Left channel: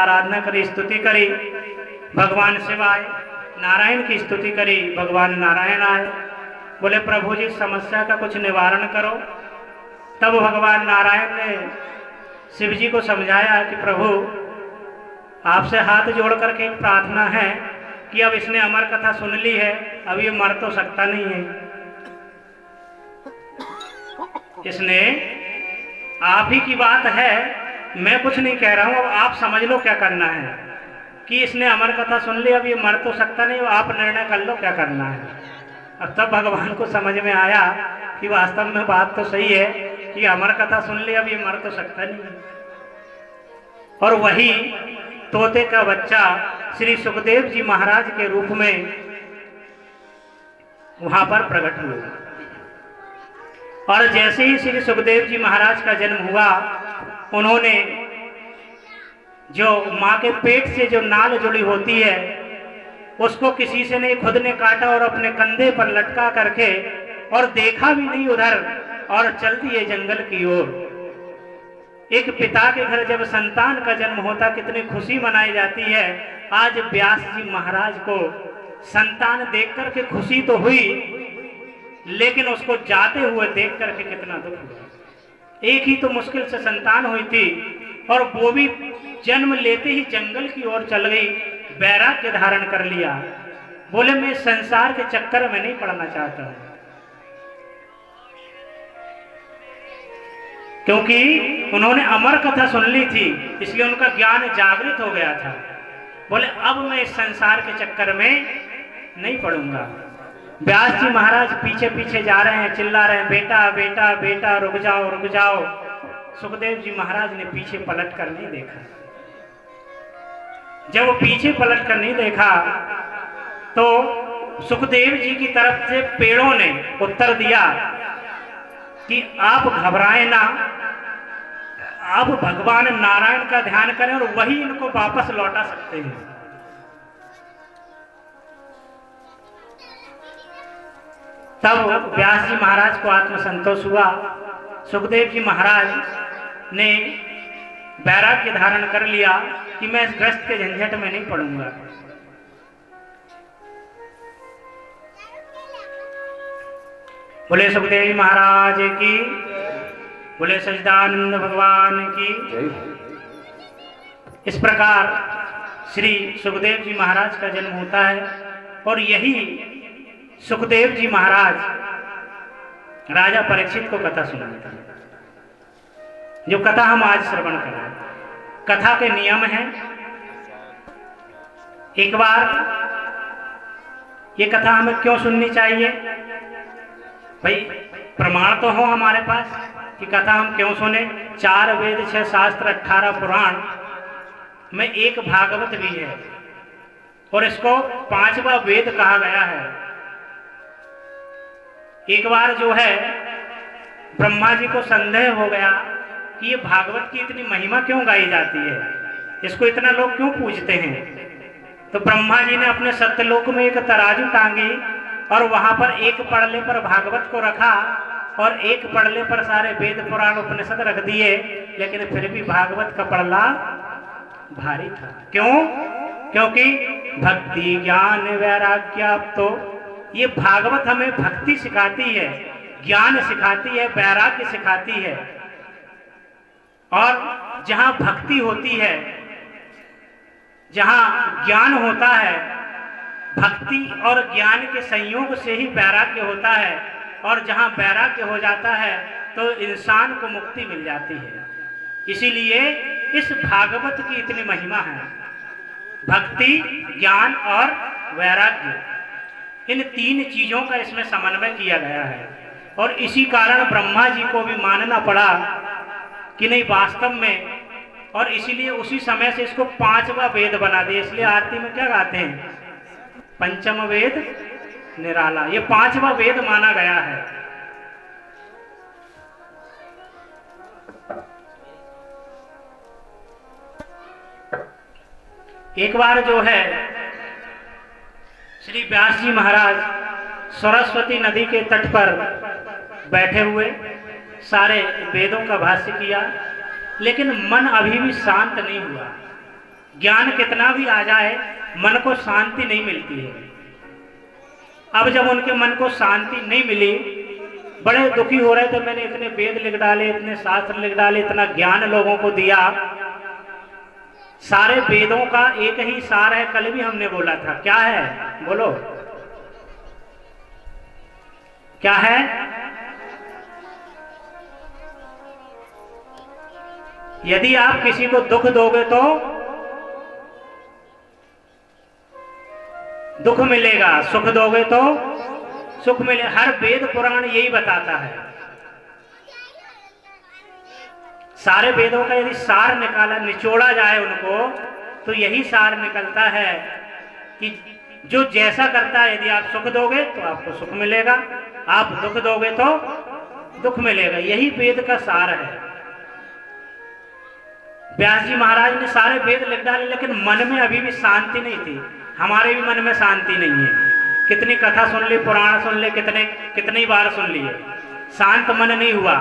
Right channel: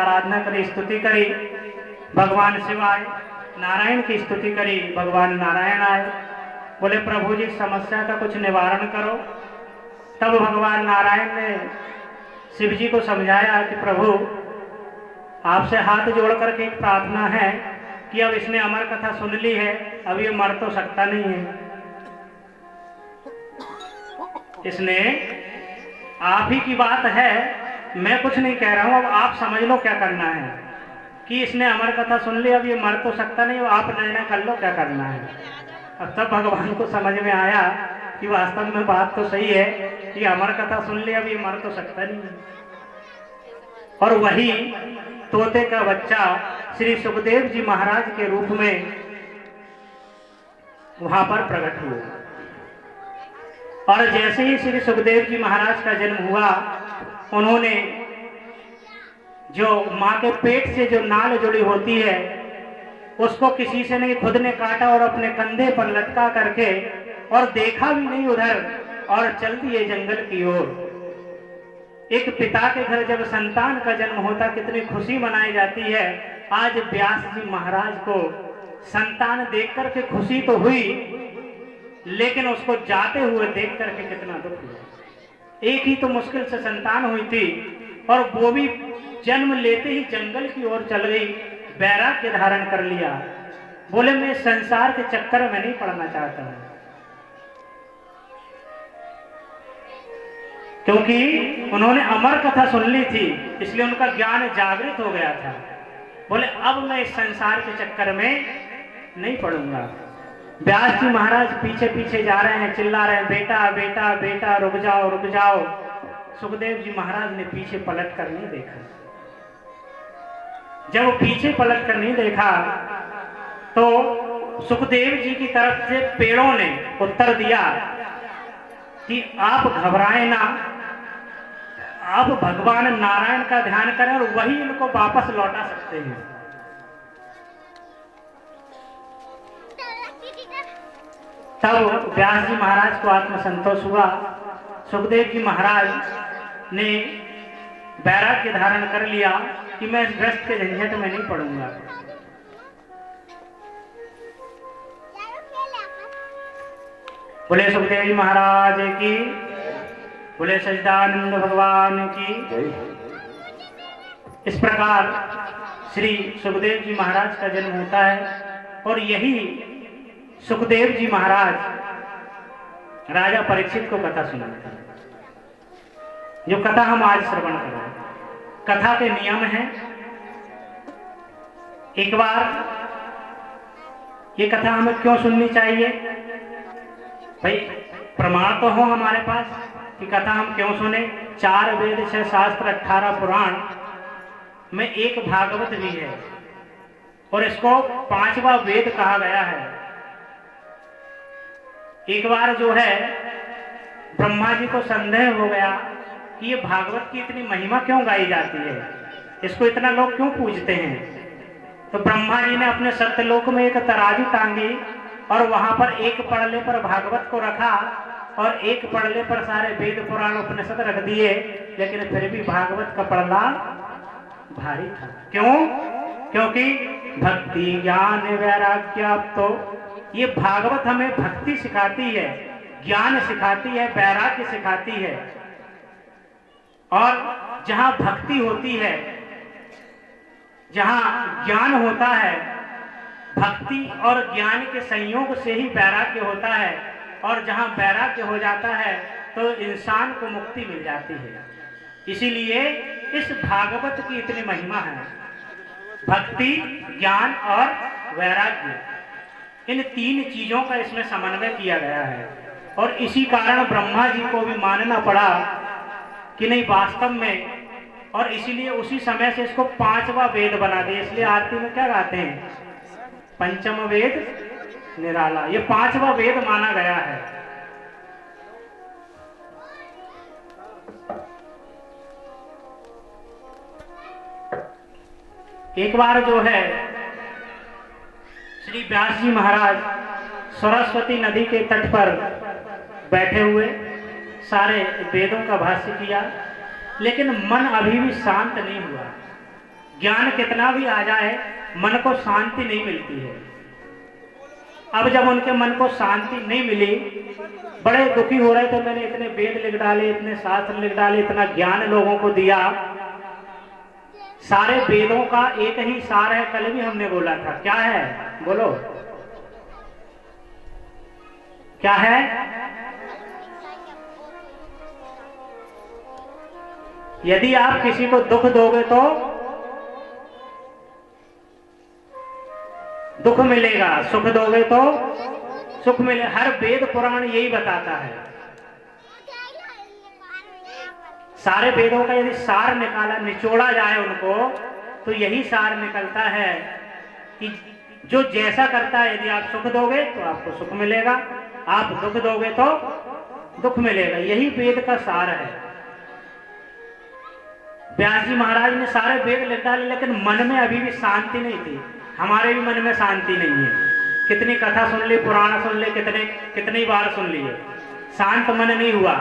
आराधना करी, स्तुति करी, भगवान शिव आए। नारायण की स्तुति करी, भगवान नारायण आए। बोले प्रभु जी समस्या का कुछ निवारण करो। तब भगवान नारायण ने शिव जी को समझाया कि प्रभु आपसे हाथ जोड़ करके प्रार्थना है कि अब इसने अमर कथा सुन ली है, अब ये मर तो सकता नहीं है। इसने आप ही की बात है, मैं कुछ नहीं कह रहा हूं, अब आप समझ लो क्या करना है कि इसने अमर कथा सुन ली, अब ये मर तो सकता नहीं, आप निर्णय कर लो क्या करना है। अब तब भगवान को समझ में आया कि वास्तव में बात तो सही है कि अमर कथा सुन ली, अब ये मर तो सकता नहीं है। और वही तोते का बच्चा श्री सुखदेव जी महाराज के रूप में वहां पर प्रकट हुआ। और जैसे ही श्री सुखदेव जी महाराज का जन्म हुआ, उन्होंने जो मां के पेट से जो नाल जुड़ी होती है उसको किसी से नहीं, खुद ने काटा और अपने कंधे पर लटका करके, और देखा भी नहीं उधर, और चल दिए जंगल की ओर। एक पिता के घर जब संतान का जन्म होता कितनी खुशी मनाई जाती है। आज व्यास जी महाराज को संतान देख करके खुशी तो हुई, लेकिन उसको जाते हुए देख करके कितना दुख हुआ। एक ही तो मुश्किल से संतान हुई थी और वो भी जन्म लेते ही जंगल की ओर चल गई, वैराग्य धारण कर लिया। बोले मैं संसार के चक्कर में नहीं पड़ना चाहता हूं, क्योंकि उन्होंने अमर कथा सुन ली थी, इसलिए उनका ज्ञान जागृत हो गया था। बोले अब मैं इस संसार के चक्कर में नहीं पड़ूंगा। व्यास जी महाराज पीछे पीछे जा रहे हैं, चिल्ला रहे हैं बेटा बेटा बेटा रुक जाओ रुक जाओ। सुखदेव जी महाराज ने पीछे पलट कर नहीं देखा। जब वो पीछे पलट कर नहीं देखा तो सुखदेव जी की तरफ से पेड़ों ने उत्तर दिया कि आप घबराएं ना, आप भगवान नारायण का ध्यान करें और वही इनको वापस लौटा सकते हैं। तब व्यास जी महाराज को आत्मसंतोष हुआ। सुखदेव जी महाराज ने वैराग्य धारण कर लिया कि मैं इस ग्रस्त के झंझट में नहीं पड़ूंगा। बोले सुखदेव जी महाराज की, बोले सच्चिदानंद भगवान की। इस प्रकार श्री सुखदेव जी महाराज का जन्म होता है। और यही सुखदेव जी महाराज राजा परीक्षित को कथा सुनाते हैं, जो कथा हम आज श्रवण कर रहे हैं। कथा के नियम हैं। एक बार ये कथा हमें क्यों सुननी चाहिए भाई, प्रमाण तो हो हमारे पास कि कथा हम क्यों सुने। 4 वेद 6 शास्त्र 18 पुराण में एक भागवत भी है, और इसको 5वां वेद कहा गया है। एक बार जो है ब्रह्मा जी को संदेह हो गया कि ये भागवत की इतनी महिमा क्यों गाई जाती है, इसको इतना लोग क्यों पूजते हैं। तो ब्रह्मा जी ने अपने सत्यलोक में एक तराजू टांगी और वहां पर एक पड़ले पर भागवत को रखा और एक पड़ले पर सारे वेद पुराण उपनिषद रख दिए, लेकिन फिर भी भागवत का पड़ला भारी था। क्यों? क्योंकि भक्ति ज्ञान वैराग्य, तो ये भागवत हमें भक्ति सिखाती है, ज्ञान सिखाती है, वैराग्य सिखाती है। और जहां भक्ति होती है, जहां ज्ञान होता है, भक्ति और ज्ञान के संयोग से ही वैराग्य होता है। और जहां वैराग्य हो जाता है तो इंसान को मुक्ति मिल जाती है। इसीलिए इस भागवत की इतनी महिमा है। भक्ति, ज्ञान और वैराग्य, इन 3 चीजों का इसमें समन्वय किया गया है। और इसी कारण ब्रह्मा जी को भी मानना पड़ा कि नहीं वास्तव में, और इसीलिए उसी समय से इसको 5वां वेद बना दिया। इसलिए आरती में क्या गाते हैं, पंचम वेद निराला, ये 5वां वेद माना गया है। एक बार जो है श्री व्यास जी महाराज सरस्वती नदी के तट पर बैठे हुए सारे वेदों का भाष्य किया, लेकिन मन अभी भी शांत नहीं हुआ। ज्ञान कितना भी आ जाए मन को शांति नहीं मिलती है। अब जब उनके मन को शांति नहीं मिली, बड़े दुखी हो रहे थे, मैंने इतने वेद लिख डाले, इतने शास्त्र लिख डाले, इतना ज्ञान लोगों को दिया, सारे वेदों का एक ही सार है, कल भी हमने बोला था, क्या है बोलो, क्या है? यदि आप किसी को दुख दोगे तो दुख मिलेगा, सुख दोगे तो सुख मिले। हर वेद पुराण यही बताता है। सारे वेदों का यदि सार निकाला, निचोड़ा जाए उनको, तो यही सार निकलता है कि जो जैसा करता है, यदि आप सुख दोगे तो आपको सुख मिलेगा, आप दुख दोगे तो दुख मिलेगा। यही वेद का सार है। व्यास जी महाराज ने सारे वेद लिख डाले, लेकिन मन में अभी भी शांति नहीं थी। हमारे भी मन में शांति नहीं है। कितनी कथा सुन ली, पुराण सुन ले, कितनी बार सुन लिए, शांत मन नहीं हुआ।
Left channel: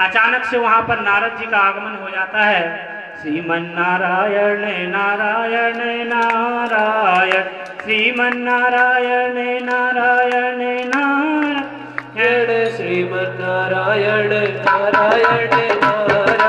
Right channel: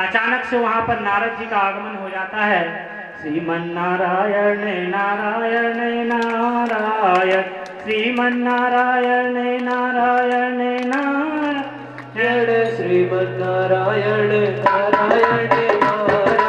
अचानक से वहां पर नारद जी का आगमन हो जाता है। श्रीमन नारायण नारायण नारायण, श्रीमन नारायण नारायण नारायण, श्रीमन नारायण नारायण नारायण,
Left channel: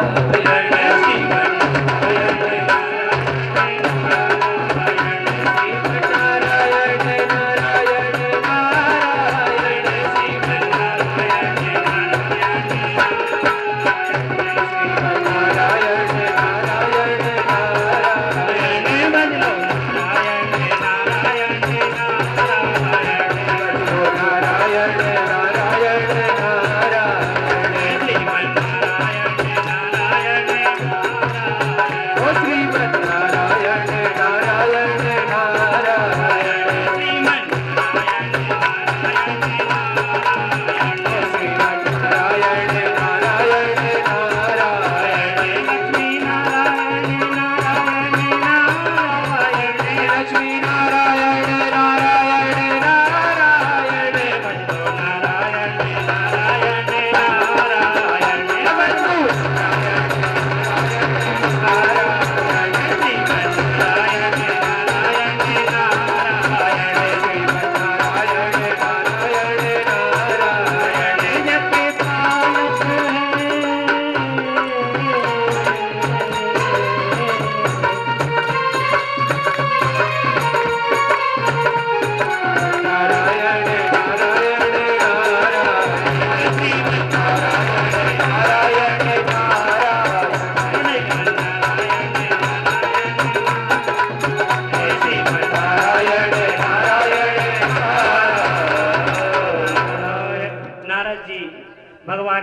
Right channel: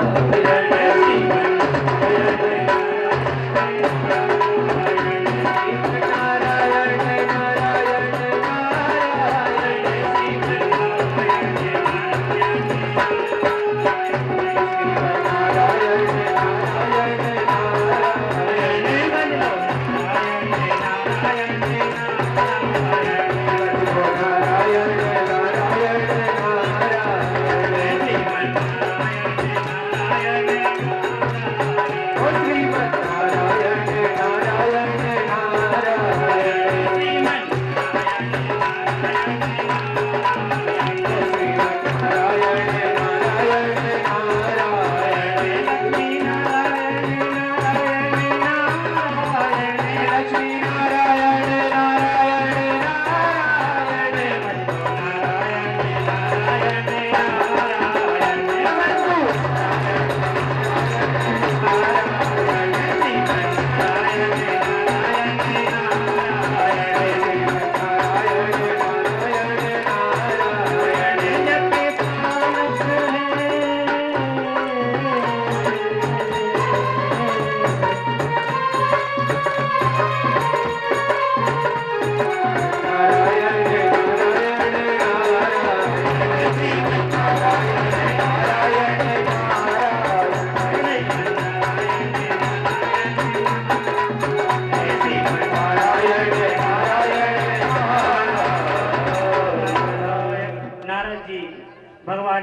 भगवान